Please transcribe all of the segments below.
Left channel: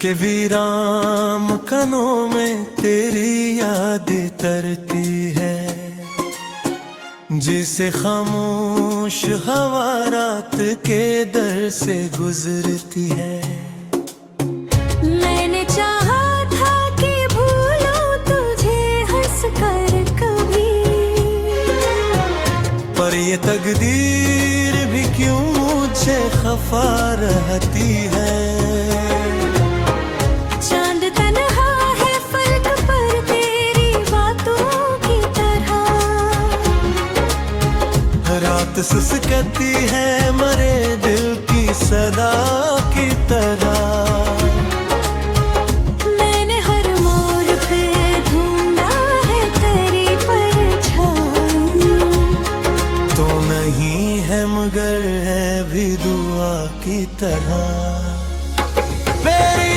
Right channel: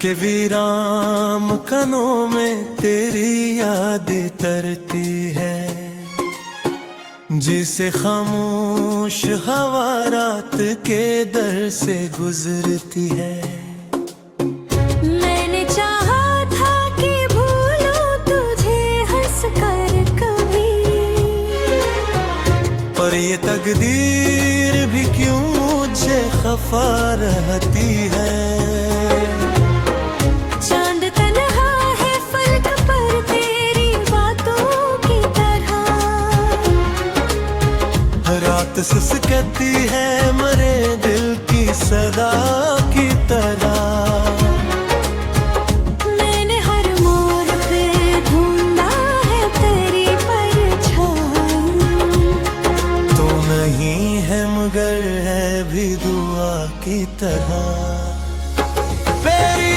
के वीरान कनों में तेरी याद तरती है, जिसे खामोश हवा रात के दर से गुजरती है। मैंने चाहा था कि भूलूं तुझे हंस कर कभी, पर ये तकदीर भी क्यों मुझे खफा रहती है। चांद तन्हा है फलक पर तेरी बातों की तरह, रात सुसकती है मरे दिल की सदा की तरह। मैंने हर मोड़ पे ढूंढा है तेरी परछाई, तो नहीं है मगर है भी दुआ की तरह। तेरी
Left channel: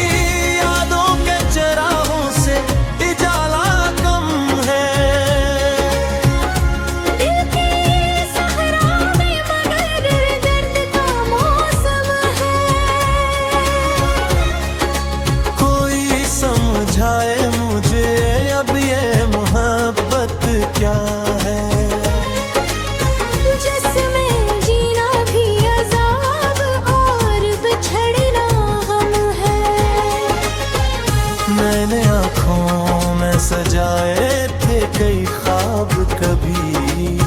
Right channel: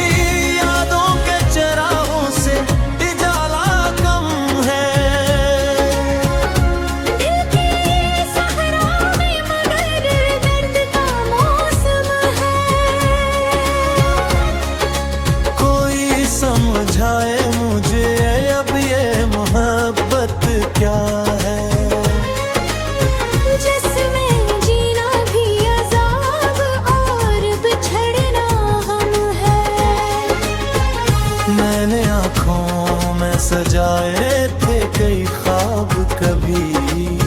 यादों के चराहों से उजाला कम है, दिल के सहरा में मगर दर्द का मौसम है। कोई समझाए मुझे अब ये मोहब्बत क्या है। जिसमें जीना भी अजाब और बिछड़ना हम है। मैंने आँखों में सजाए थे कई ख्वाब कभी,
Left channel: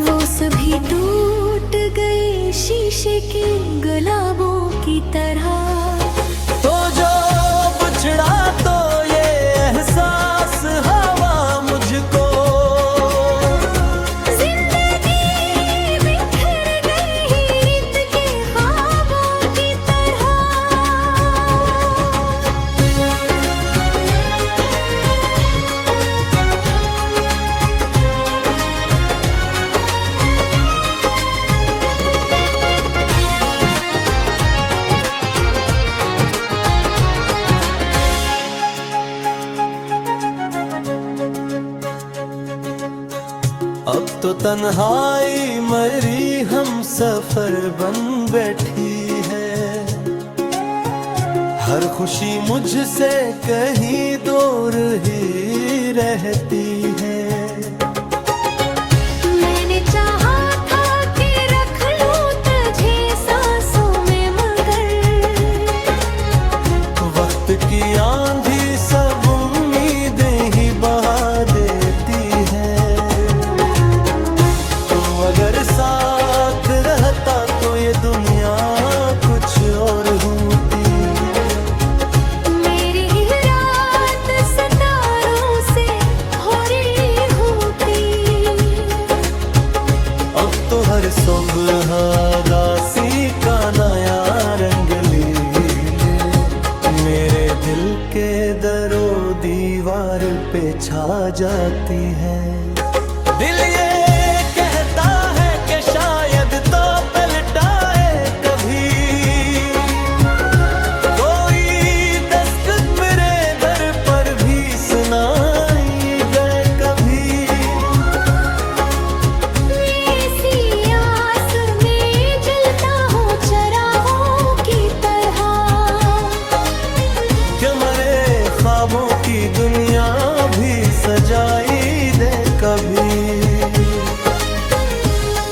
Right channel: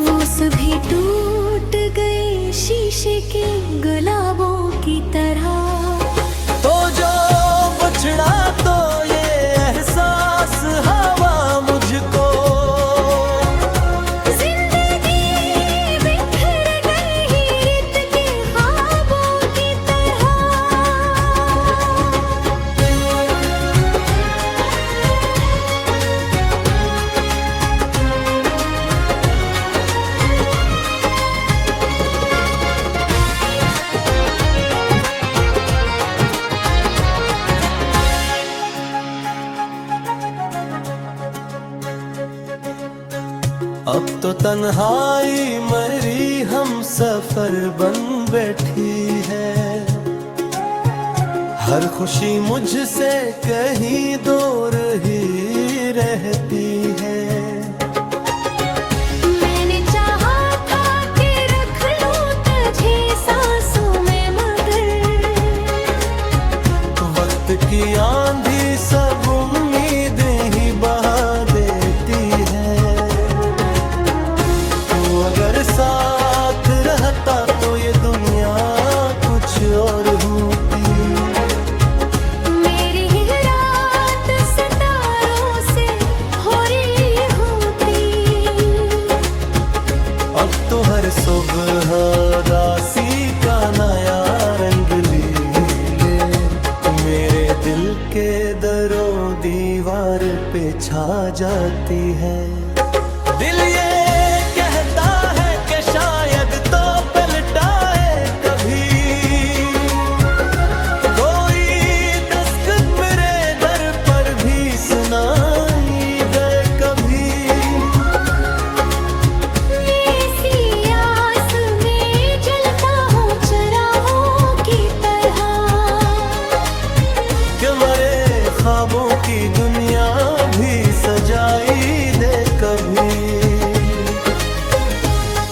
वो सभी टूट गए शीशे के गुलाबों की तरह। तो जो बिछड़ा तो ये एहसास हवा मुझको, अब तो तन्हाई मरी हम सफर बन बैठी है। हर खुशी मुझसे कहीं दूर ही रहती है। मैंने चाहा था कि रख लूं तुझे सांसों में मगर वक्त की आंधी सब उम्मीदें ही बहा देती है। अगर साथ रहता तो ये दुनिया कुछ और होती। मेरी ही रात सितारों से हो रही होती। अब तो हर सुबह दासी का नया रंग लीले मेरे दिल के दरो दीवार पे छा जाती है। दिल ये कहता है कि शायद तो पलटाए कभी, कोई दस्तक मेरे दर पर भी सुनाई गए कभी। ऐसी आस में जलता हूँ चरागों की तरह, कि मरे ख्वाबों की दुनिया भी सजाई दे कभी।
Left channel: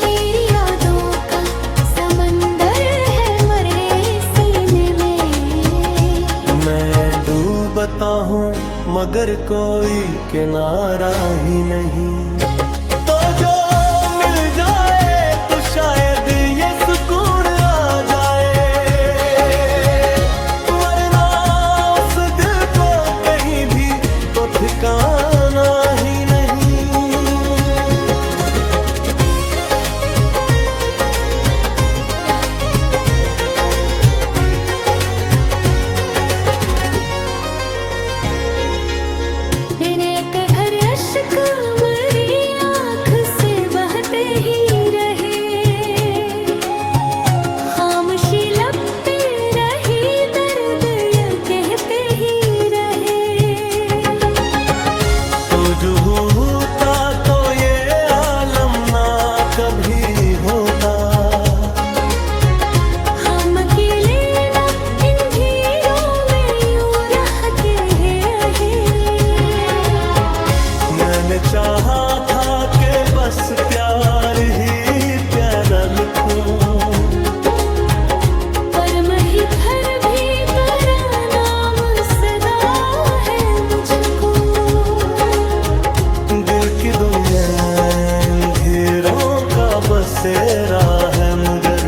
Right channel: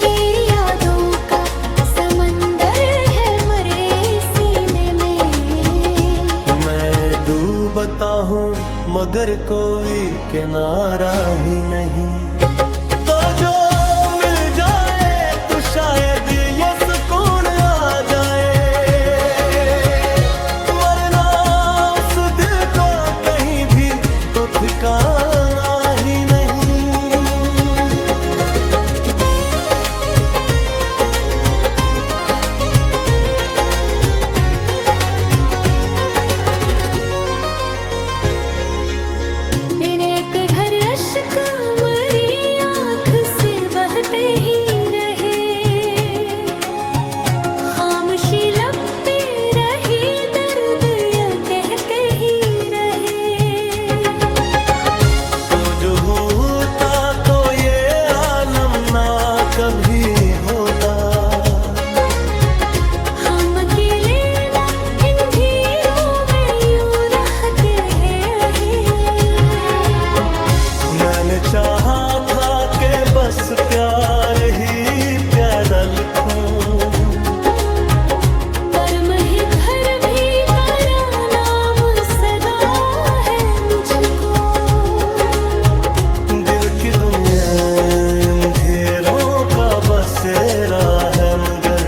तेरी यादों का समंदर है मरे सीने में। मैं डूबता हूँ मगर कोई किनारा ही नहीं। तो जो मिल जाए तो शायद ये सुकून आ जाए, वरना उस दिल को कहीं भी तो ठिकाना ही नहीं। घर अश्क मरी आँख से बहते ही रहे, खामोशी लब पे रही दर्द ये कहते ही रहे। तो जो होता तो ये आलम ना कभी होता। हम अकेले ना इन भीड़ों में चाहा था कि बस प्यार ही प्यारा लिखूं, पर मैं घर भी तेरा नाम सदा है मुझको। दिल की दुनिया अंधेरों का बसेरा है, मगर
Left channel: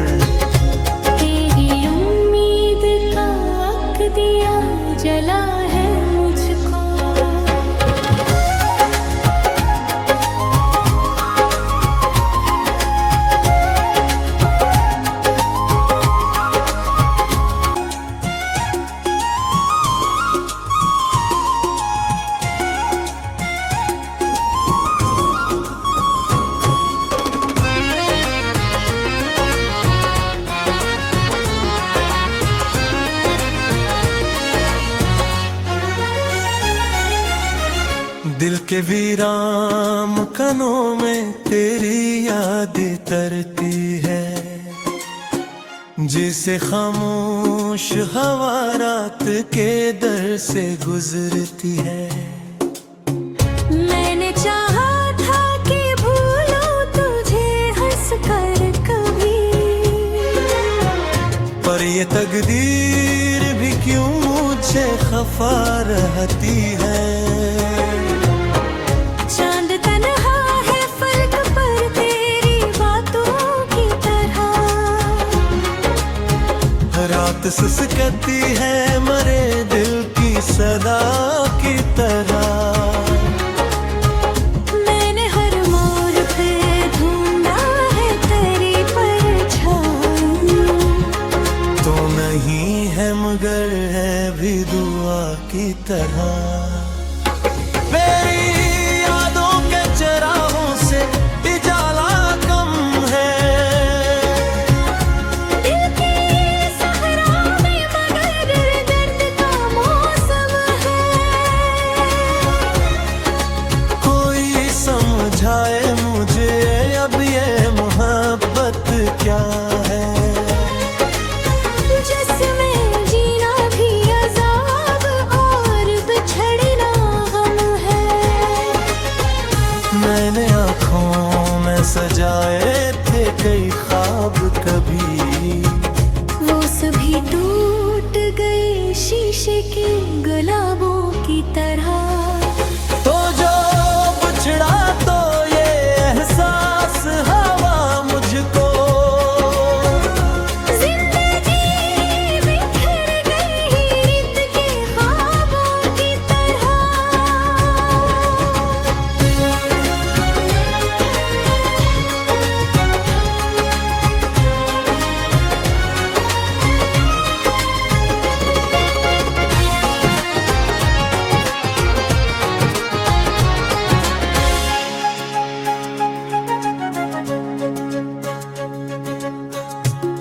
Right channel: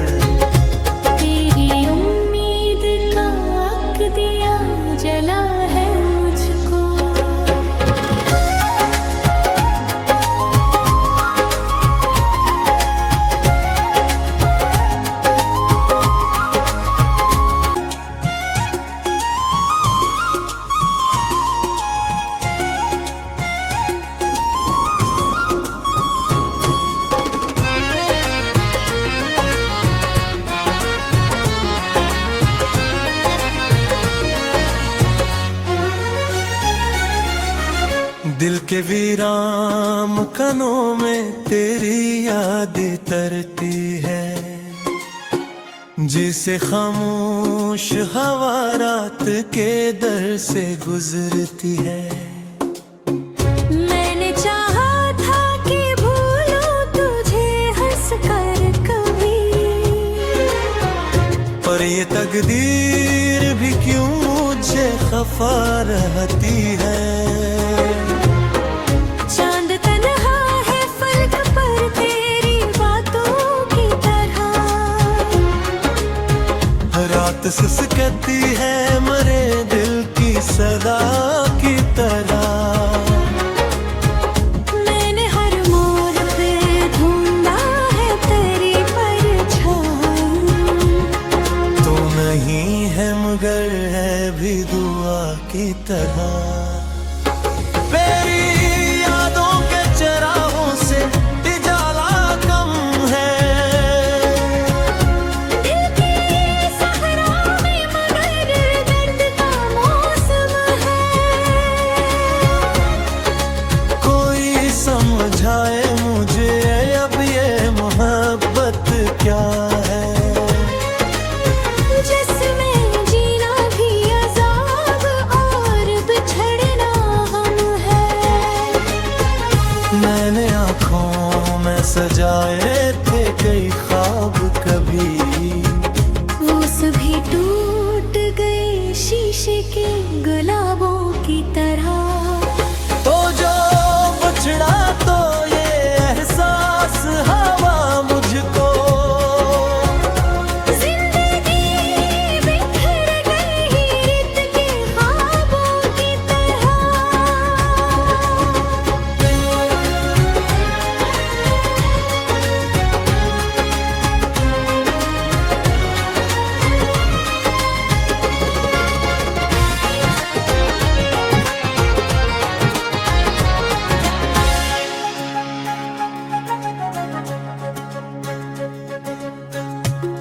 तेरी उम्मीद का अक दिया जला है मुझको। दिल के वीरान कनों में तेरी याद तरती है, जिसे खामोश हवा रात के दर से गुजरती है। मैंने चाहा था कि भूलूं तुझे हंस कर कभी, पर ये तकदीर भी क्यों मुझे खफा रहती है। चांद तन्हा है फलक पर तेरी बातों की तरह, रात सुसकती है मरे दिल की सदा की तरह। मैंने हर मोड़ पे ढूंढा है तेरी परछाई, तो नहीं है मगर है भी दुआ की तरह। मेरी यादों के चराहों से उजाला कम है, दिल के सहरा में मगर दर्द का मौसम है। कोई समझाए मुझे अब ये मोहब्बत क्या है। जिसमें जीना भी अजाब और बिछड़ना गम है। मैंने आँखों में सजाए थे कई ख्वाब कभी, वो सभी टूट गए शीशे के गुलाबों की तरह। तो जो बिछड़ा तो ये एहसास हवा मुझको,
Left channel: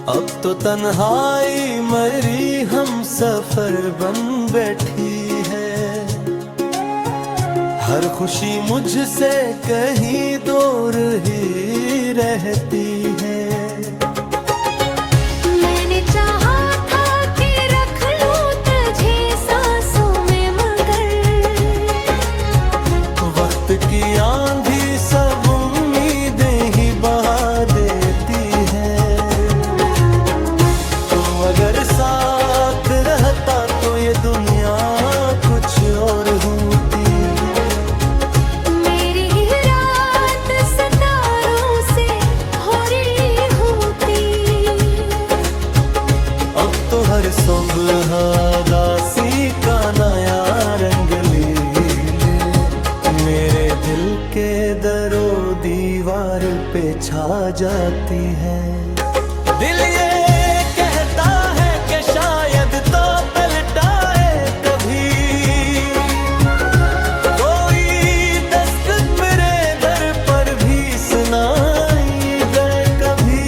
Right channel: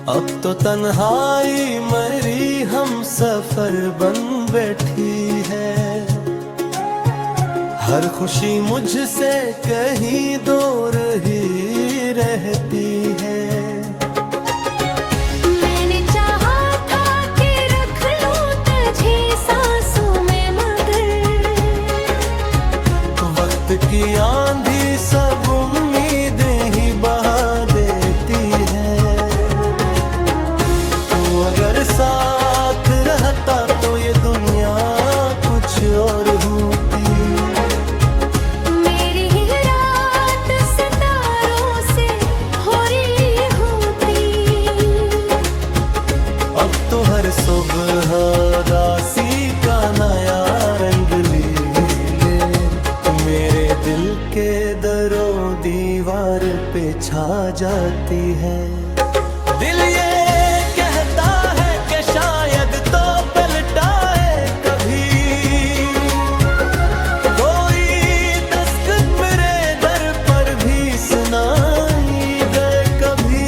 अब तो तन्हाई मरी हम सफर बन बैठी है। हर खुशी मुझसे कहीं दूर ही रहती है। मैंने चाहा था कि रख लूं तुझे सांसों में मगर वक्त की आंधी सब उम्मीदें ही बहा देती है। अगर साथ रहता तो ये दुनिया कुछ और होती। मेरी ही रात सितारों से हो रही होती। अब तो हर सुबह दासी का नया रंग ले मेरे दिल के दरो दीवार पे छा जाती है। दिल ये कहता है कि शायद तो पलटाए कभी, कोई दस्तक मेरे दर पर भी सुनाई गए कभी।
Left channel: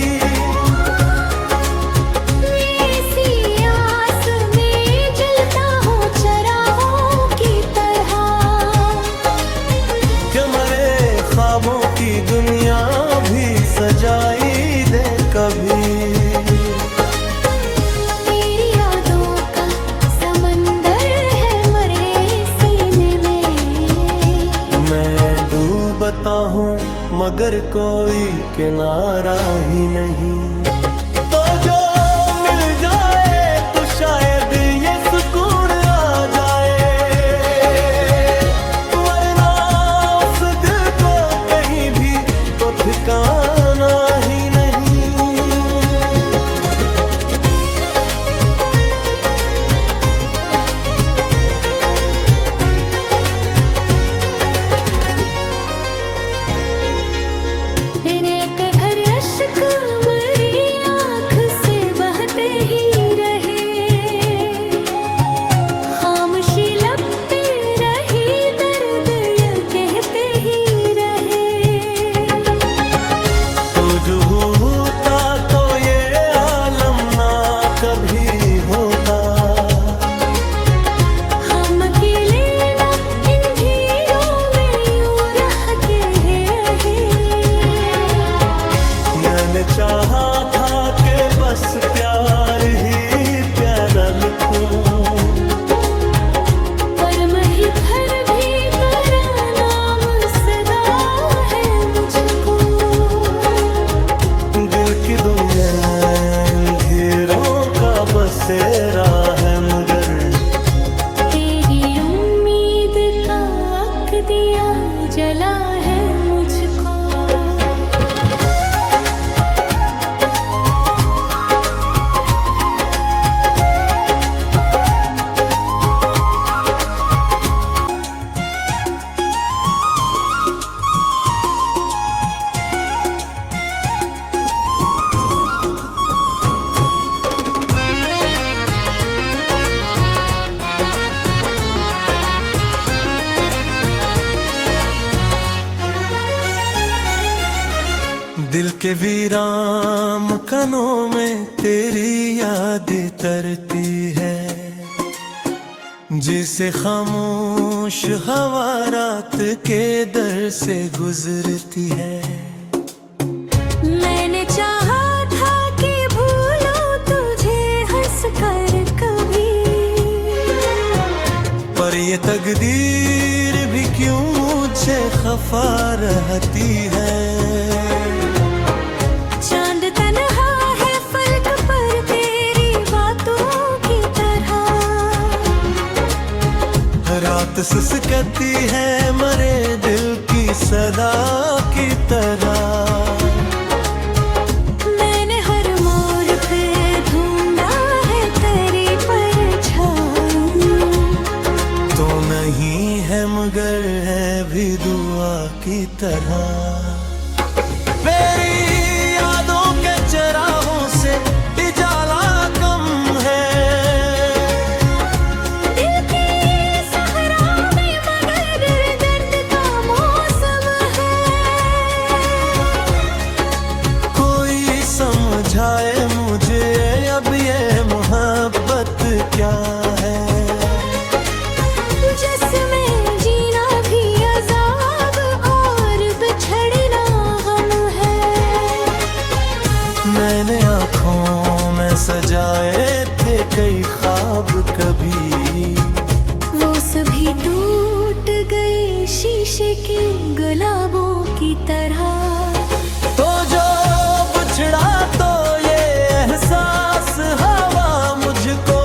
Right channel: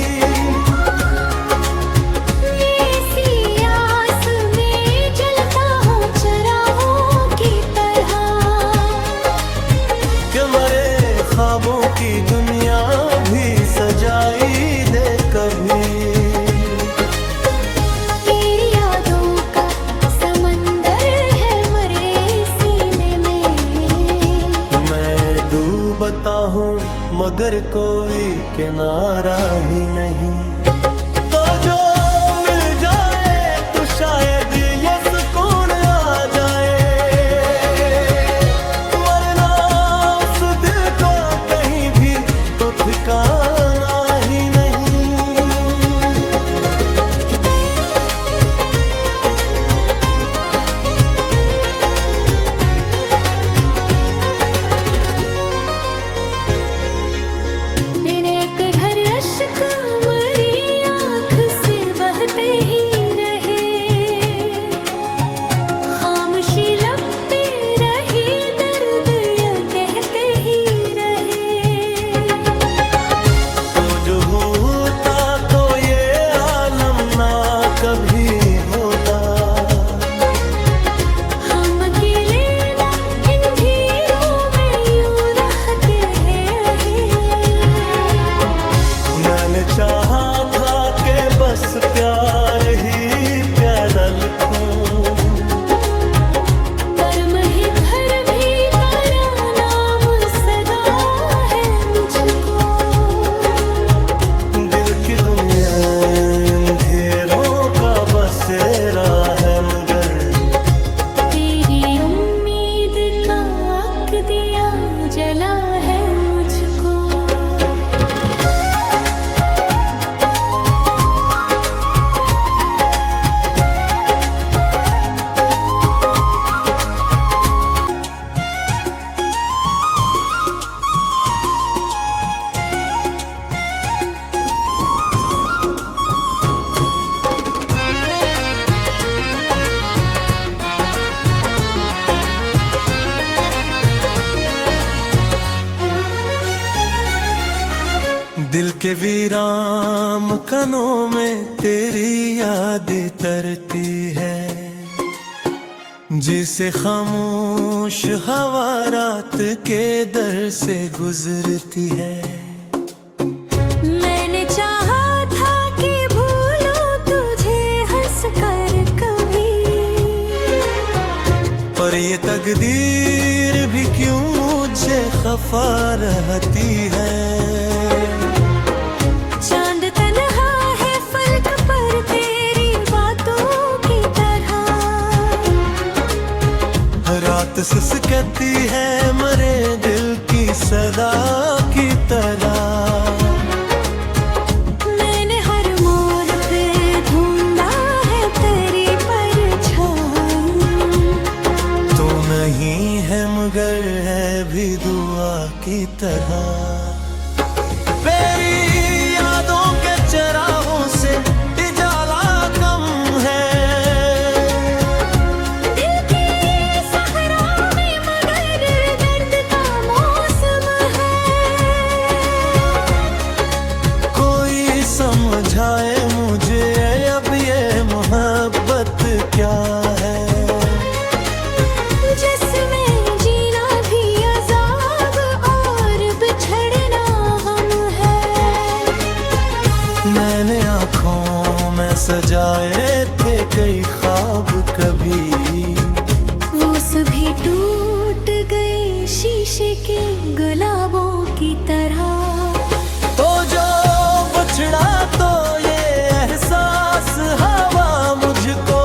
ऐसी आस में जलता हूँ चरागों की तरह कि मरे ख्वाबों की दुनिया भी सजाई दे कभी। तेरी यादों का समंदर है मरे सीने में, मैं डूब चाहता हूँ मगर कोई किनारा ही नहीं। तो जो मिल जाए तो शायद ये सुकून आ जाए, वरना उस दिल को कहीं भी तो ठिकाना ही नहीं। घर अश्क मरी आँख से बहते ही रहे, खामोशी लब पे रही, दर्द ये कहते ही रहे। तो जो होता तो ये आलम ना कभी होता, हम अकेले ना इन भीड़ों में यूं रहते हैं। मैंने चाहा था कि बस प्यार ही प्यारा लिखूं, पर मही भर भी तेरा नाम सदा है मुझको। दिल की दुनिया अंधेरों का बसेरा है मगर तेरी उम्मीद का अक दिया जला है मुझको। दिल के वीरान मकानों में तेरी याद तरती है, जिसे खामोश हवा रात के दर से गुजरती है। मैंने चाहा था कि भूलूं तुझे हंस कर कभी, पर ये तकदीर भी क्यों मुझे खफा रहती है। चांद तन्हा है फलक पर तेरी बातों की तरह, रात सुसकती है मरे दिल की सदा की तरह। मैंने हर मोड़ पे ढूंढा है तेरी परछाई, तो नहीं है मगर है भी दुआ की तरह। मेरी यादों के चराहों से उजाला कम है, दिल के सहरा में मगर दर्द का मौसम है। कोई समझाए मुझे अब ये मोहब्बत क्या है। जिसमें जीना भी अजाब और बिछड़ना गम है। मैंने आँखों में सजाए थे कई ख्वाब कभी, वो सभी टूट गए शीशे के गुलाबों की तरह। तो जो बिछड़ा तो ये एहसास हवा मुझको,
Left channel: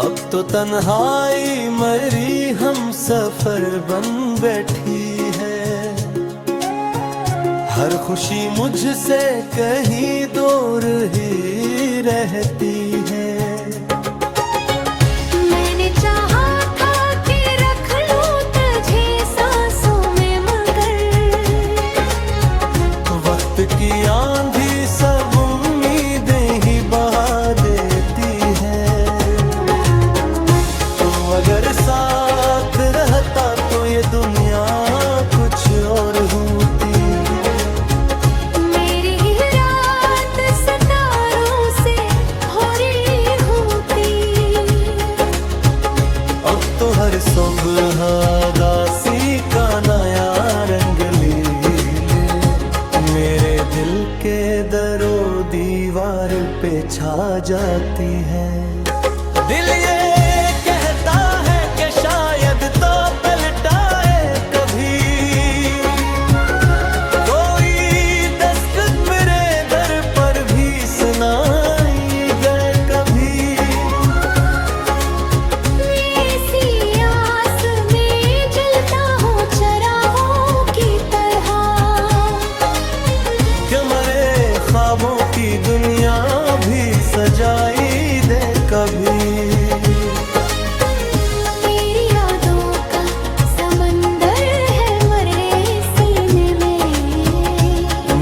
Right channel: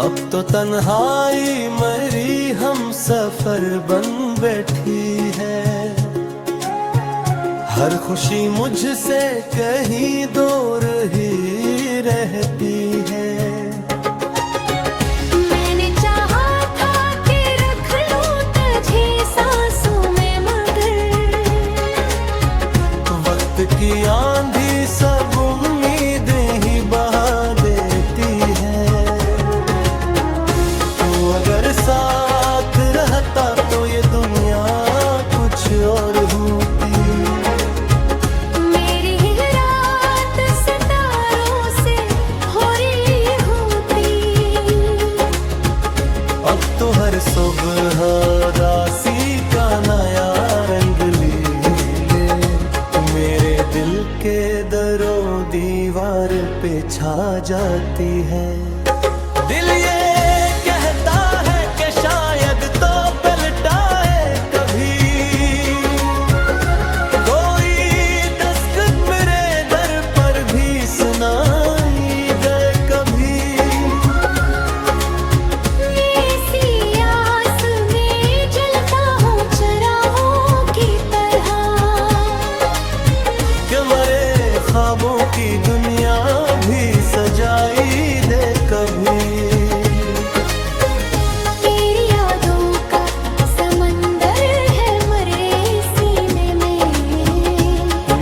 अब तो तन्हाई मरी हम सफर बन बैठी है। हर खुशी मुझसे कहीं दूर ही रहती है। मैंने चाहा था कि रख लूं तुझे सांसों में मगर वक्त की आंधी सब उम्मीदें ही बहा देती है। अगर साथ रहता तो ये दुनिया कुछ और होती। मेरी ही रात सितारों से हो रही होती। अब तो हर सुबह दासी का नया रंग ले मेरे दिल के दरो दीवार पे छा जाती है। दिल ये कहता है कि शायद तो पलटाए कभी, कोई दस्तक मेरे दर पर भी सुनाई गए कभी। ऐसी आस में जलता हूँ चराहों की तरह, कि मरे ख्वाबों की दुनिया भी सजाई दे कभी। तेरी यादों का समंदर है मरे सीने में।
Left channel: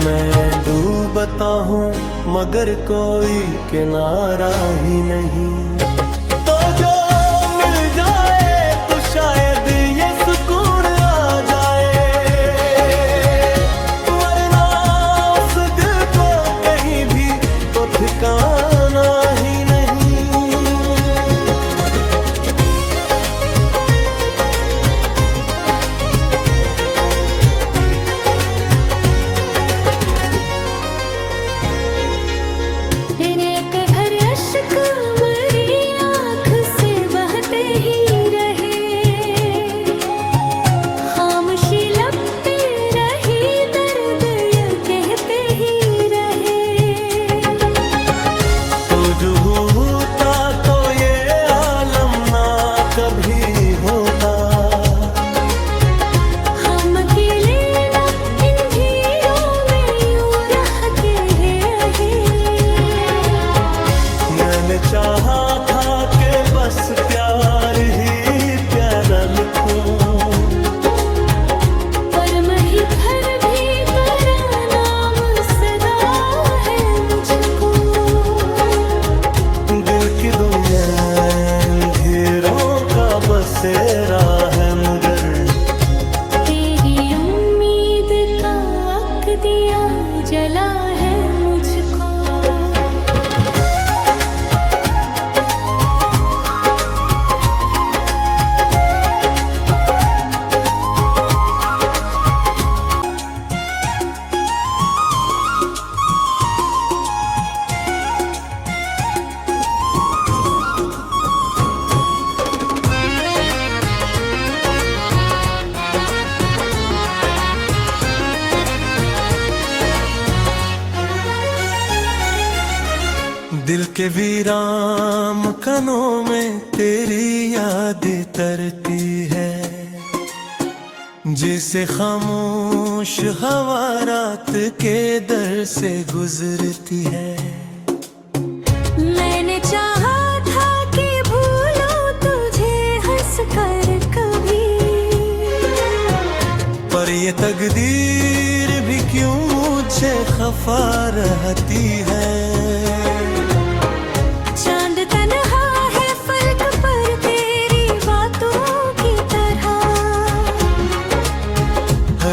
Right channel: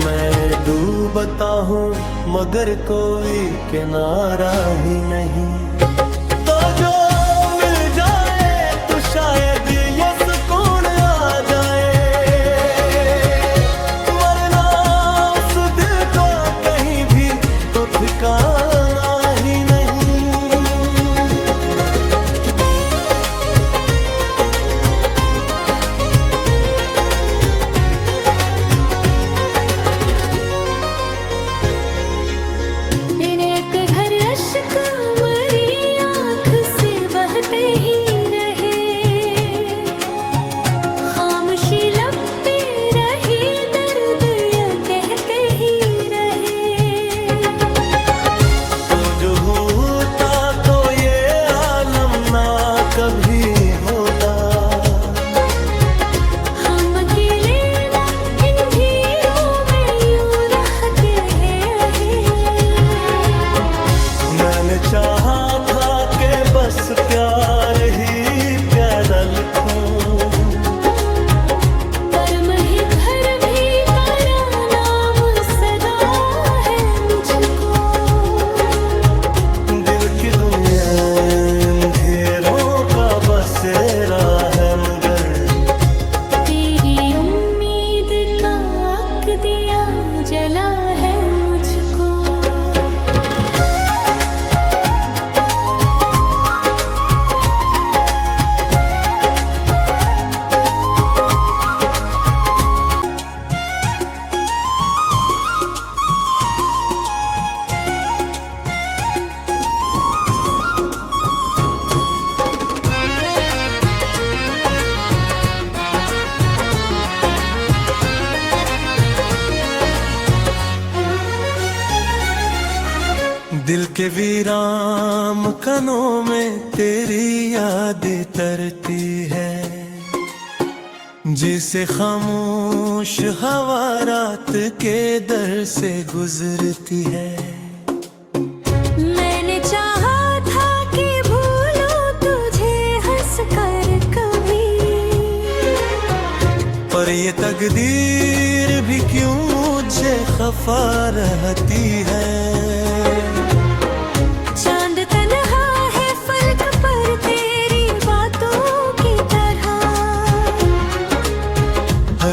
मैं डूबता हूँ मगर कोई किनारा ही नहीं। तो जो मिल जाए तो शायद ये सुकून आ जाए, वरना उस दिल को कहीं भी तो ठिकाना ही नहीं। दिन एक घर अश्क मरी आँख से बहते ही रहे, खामोशी लब पे रही दर्द ये कहते ही रहे। तो जो होता तो ये आलम ना कभी होता। हम अकेले ना इन भीड़ों में यूं रह के है। मैंने चाहा था कि बस प्यार ही प्यारा लिखूं, पर मैं ही घर भी तेरा नाम सदा है मुझको। दिल की दुनिया अंधेरों का बसेरा है मगर तेरी उम्मीद का अक दिया जला है मुझको। दिल के वीरान कनों में तेरी याद तरती है, जिसे खामोश हवा रात के दर से गुजरती है। मैंने चाहा था कि भूलूं तुझे हंस कर कभी, पर ये तकदीर भी क्यों मुझे खफा रहती है। चांद तन्हा है फलक पर तेरी बातों की तरह,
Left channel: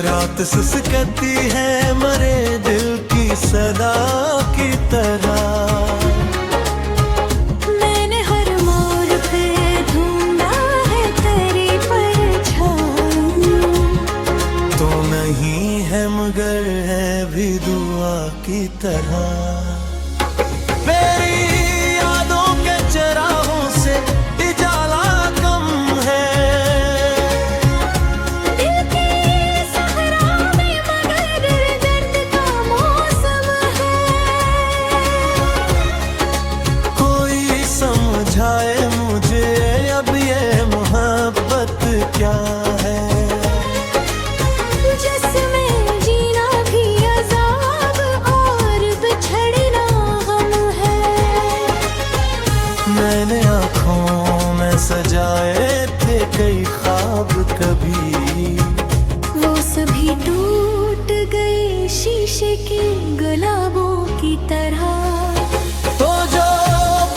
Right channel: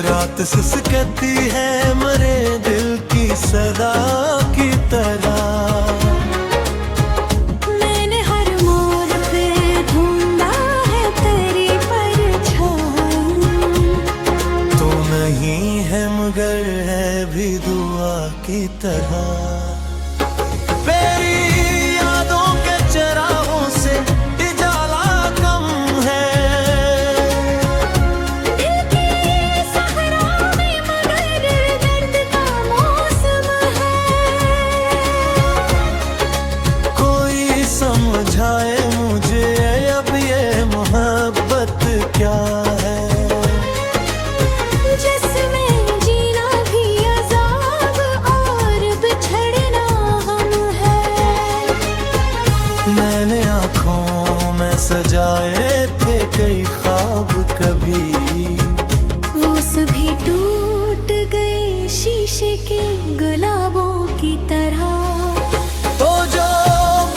रात सुसकती है मरे दिल की सदा की तरह। मैंने हर मोड़ पे ढूंढा है तेरी परछाई, तो नहीं है मगर है भी दुआ की तरह। मेरी यादों के चराहों से उजाला कम है, दिल के सहरा में मगर दर्द का मौसम है। कोई समझाए मुझे अब ये मोहब्बत क्या है। जिसमें जीना भी अजाब और बिछड़ना हम है। मैंने आँखों में सजाए थे कई ख्वाब कभी, वो सभी टूट गए शीशे के गुलाबों की तरह। तो जो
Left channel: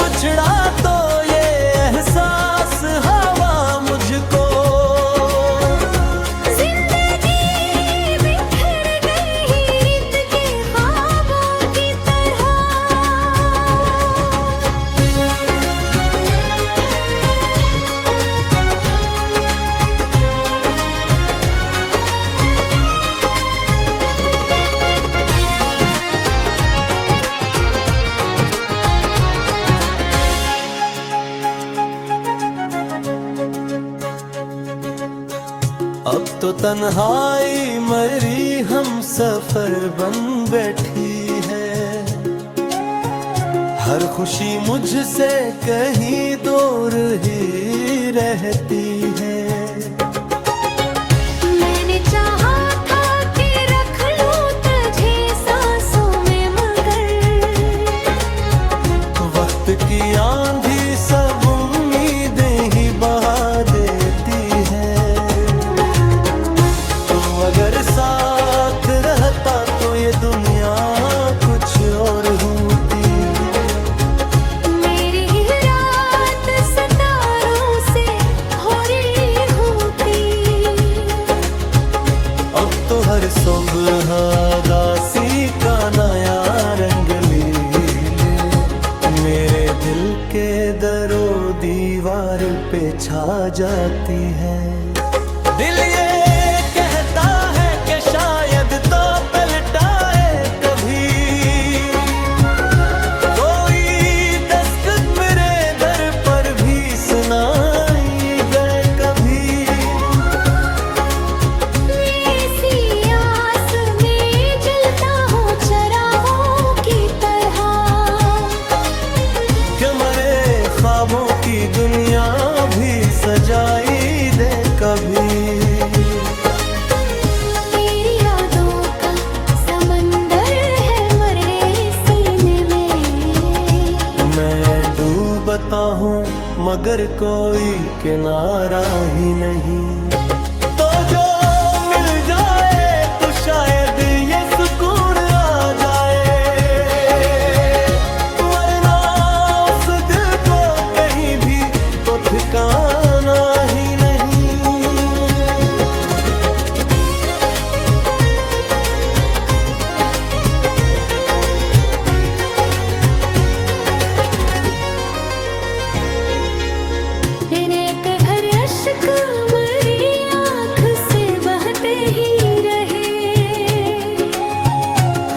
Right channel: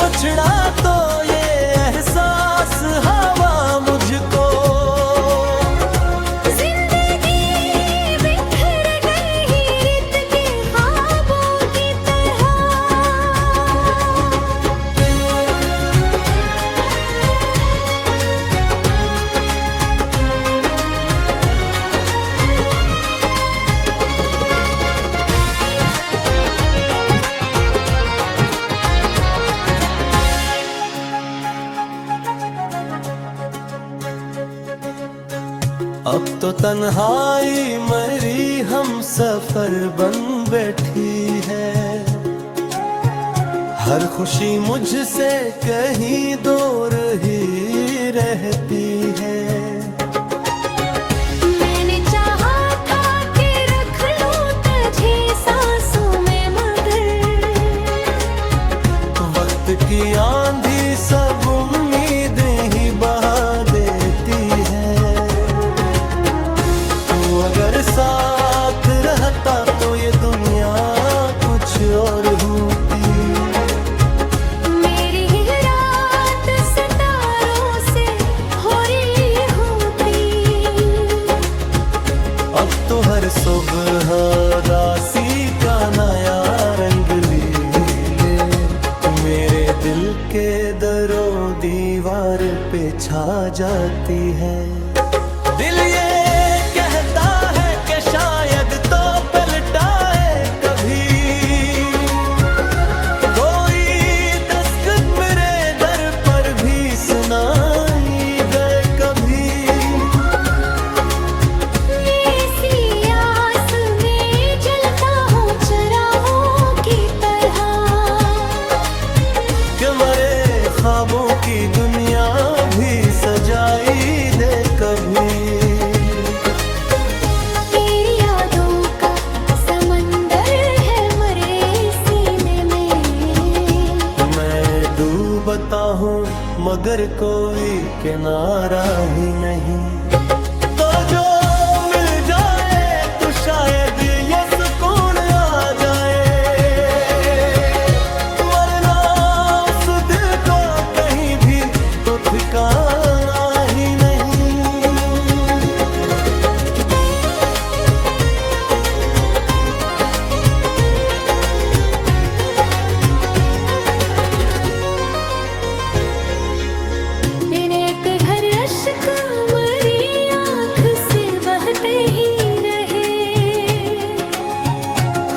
बिछड़ा तो ये एहसास हवा मुझको, जिंदगी तो तन्हाई मरी हम सफर बन बैठी है। हर खुशी मुझसे कहीं दूर ही रहती है। मैंने चाहा था कि रख लूं तुझे सांसों में, मगर वक्त की आंधी सब उम्मीदें ही बहा देती है। तू अगर साथ रहता तो ये दुनिया कुछ और होती। मेरी ही रात सितारों से भरी होती। अब तो हर सुबह दासी का नया रंग ले मेरे दिल के दरो दीवार पे छा जाती है। दिल ये कहता है कि शायद तो पलटाए कभी कोई दस्तक मेरे दर पर भी सुनाई गए कभी। ऐसी आस में जलता हूँ चरागों की तरह, कि मरे ख्वाबों की दुनिया भी सजाई दे कभी। तेरी यादों का समंदर है मरे सीने में। मैं डूबता हूँ मगर कोई किनारा ही नहीं। तो जो मिल जाए तो शायद ये सुकून आ जाए, वरना उस दिल को कहीं भी तो ठिकाना ही नहीं। एक घर अश्क मरी आँख से बहते ही रहे।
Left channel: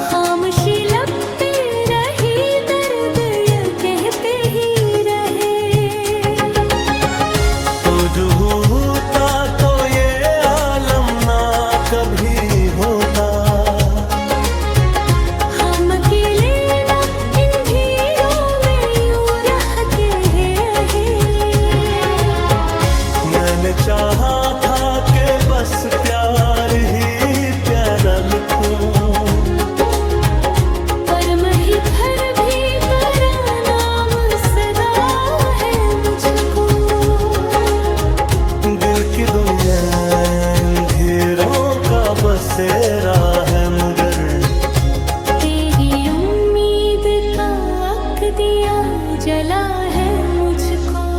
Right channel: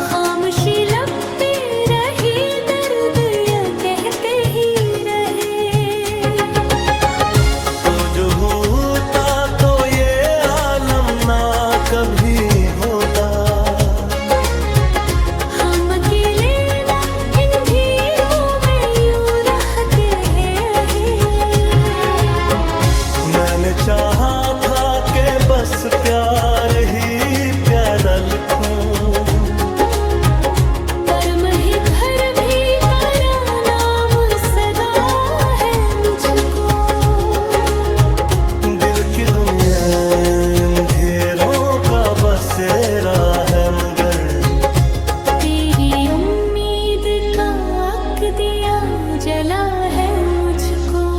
खामोशी लब पे रही, दर्द ये कहते ही रहे। तो जो होता तो ये आलम ना कभी होता। हम अकेले ना इन भीड़ों में यूं रहते हैं। मैंने चाहा था कि बस प्यार ही प्यारा लिखूं, पर मैं घर भी तेरा नाम सदा है मुझको। दिल की दुनिया अंधेरों का बसेरा है मगर तेरी उम्मीद का अक दिया जला है मुझको।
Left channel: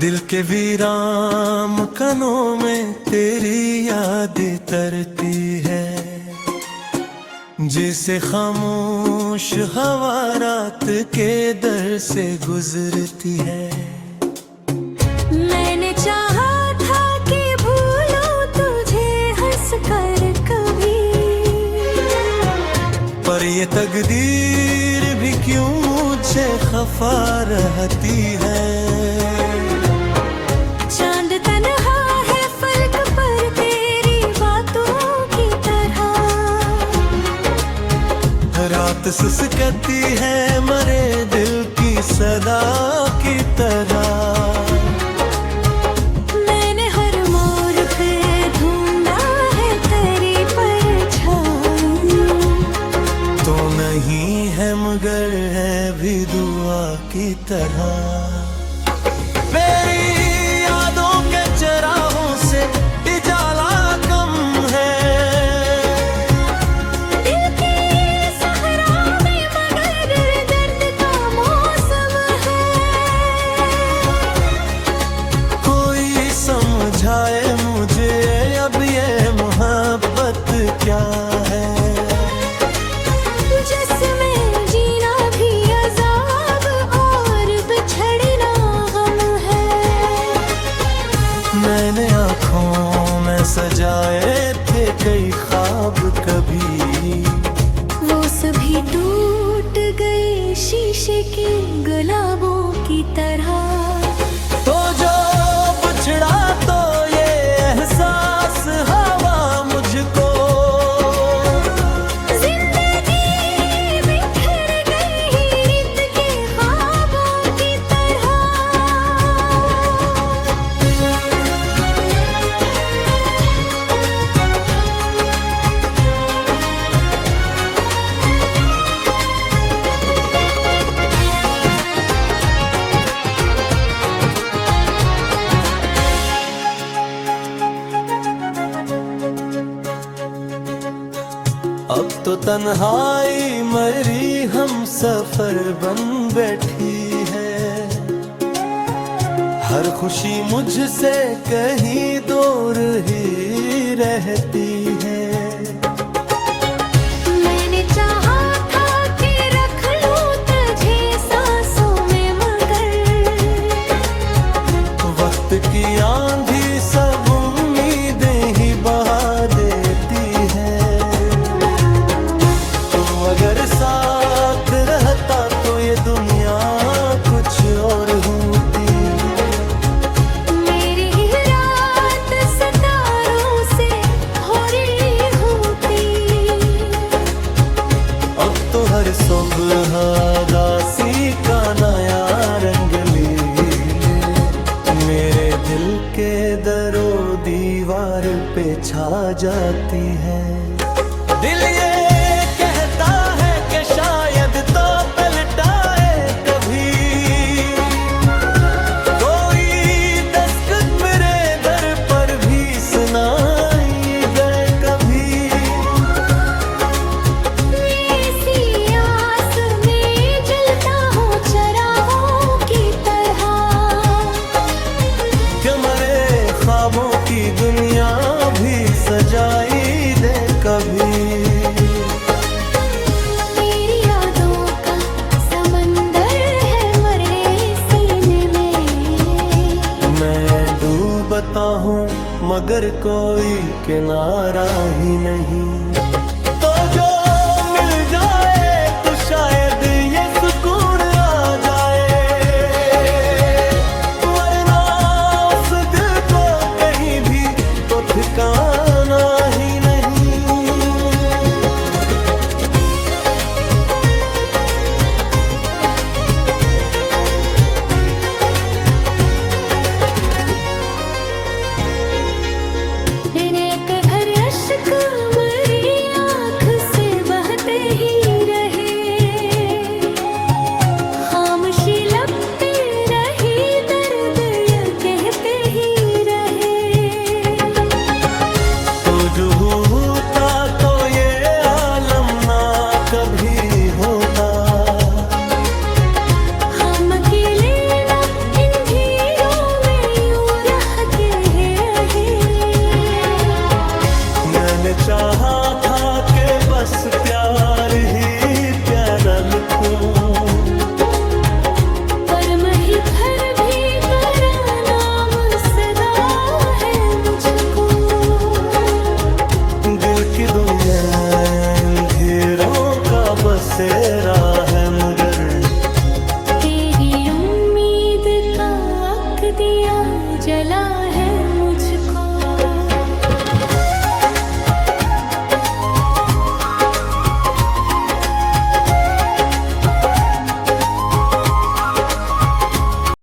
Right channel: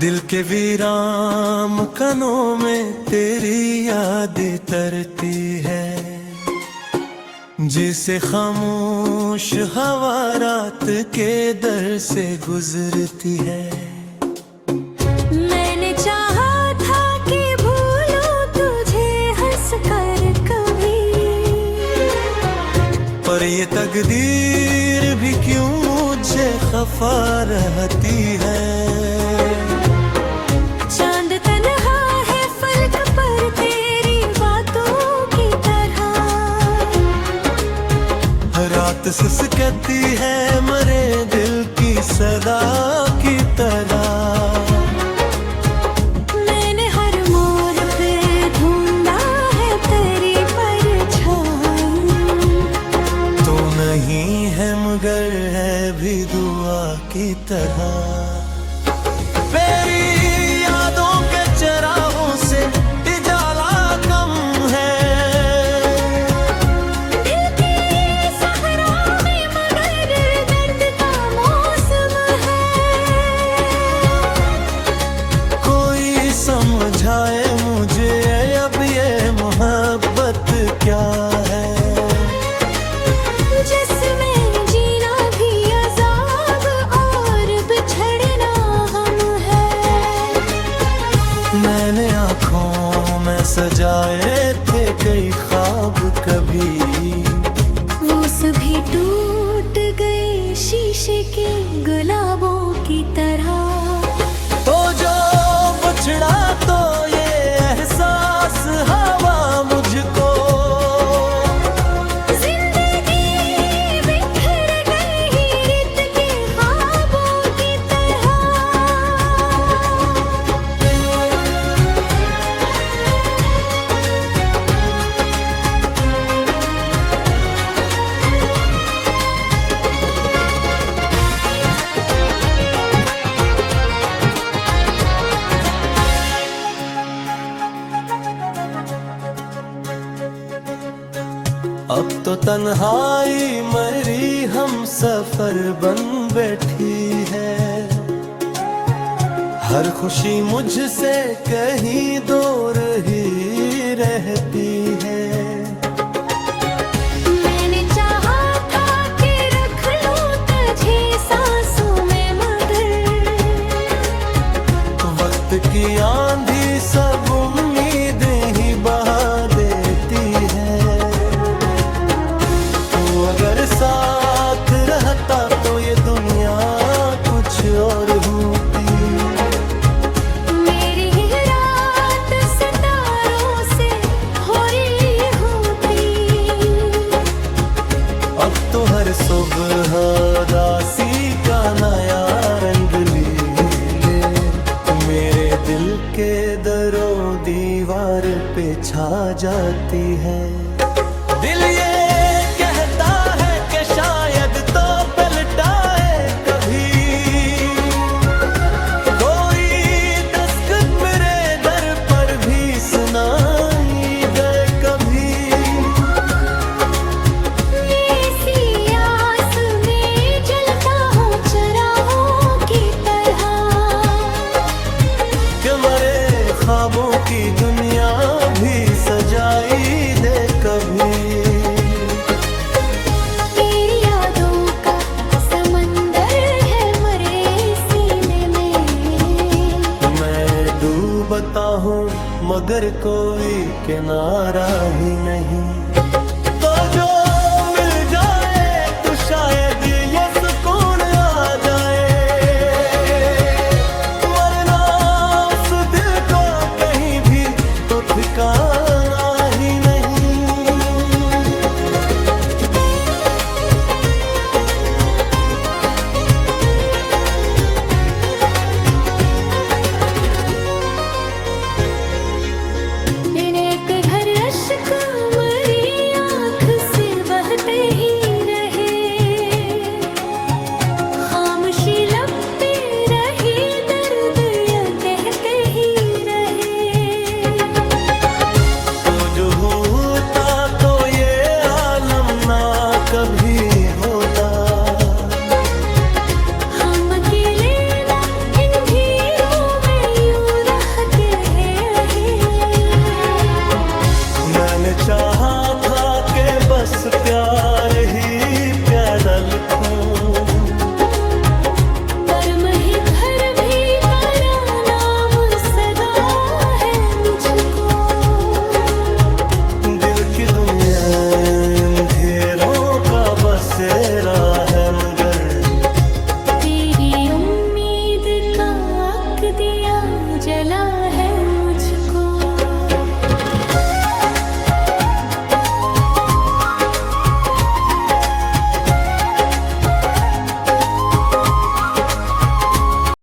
दिल के वीरान कनों में तेरी याद तरती है। जिसे खामोश हवा रात के दर से गुजरती है। मैंने चाहा था कि भूलूं तुझे हंस कर कभी, पर ये तकदीर भी क्यों मुझे खफा रहती है। चांद तन्हा है फलक पर तेरी बातों की तरह। रात सुसकती है मरे दिल की सदा की तरह। मैंने हर मोड़ पे ढूंढा है तेरी परछाई। तो नहीं है मगर है भी दुआ की तरह। मेरी यादों के चरागों से उजाला कम है। दिल की सहरा में मगर दर्द का मौसम है। कोई समझाए मुझे में जीना भी अजाब और बिछड़ना हम है। मैंने आँखों में सजाए थे कई ख्वाब कभी, वो सभी टूट गए शीशे के गुलाबों की तरह। तो जो बिछड़ा तो ये एहसास हवा मुझको, जिंदगी बिखर गई रित के ख्वाबों की तरह। अब तो तन्हाई मरी हम सफर बन बैठी है। हर खुशी मुझसे कहीं दूर ही रहती है। मैंने चाहा था कि रख लूं तुझे सांसों में, मगर वक्त की आंधी सब उम्मीदें ही बहा देती है। अगर साथ रहता तो ये दुनिया कुछ और होती। मेरी रात सितारों से भरी होती। अब तो हर सुबह दासी का नया रंग ले, मेरे दिल के दरो दीवार पे छा जाती है। दिल ये कहता है कि शायद तो पलटाए कभी, कोई दस्तक मेरे दर पर भी सुनाई गए कभी। ऐसी आस में जलता हूँ चराहों की तरह, कि मरे ख्वाबों की दुनिया भी सजाई दे कभी। तेरी यादों का समंदर है मरे सीने में। मैं डूबता हूँ मगर कोई किनारा ही नहीं। तो जो मिल जाए तो शायद ये सुकून आ जाए, वरना उस दिल को कहीं भी तो ठिकाना ही नहीं। एक घर अश्क मरी आँख से बहते ही रहे, खामोशी लगते रही दर्द ये कहते ही रहे। तो जो होता तो ये आलम ना कभी होता। हम अकेले ना इन भीड़ों में यूं रह के रहे। मैंने चाहा था कि बस प्यार ही प्यारा लिखूं, पर मही भर भी तेरा नाम सदा है मुझको। दिल की दुनिया अंधेरों का बसेरा है मगर, तेरी उम्मीद का दिया जला है मुझको।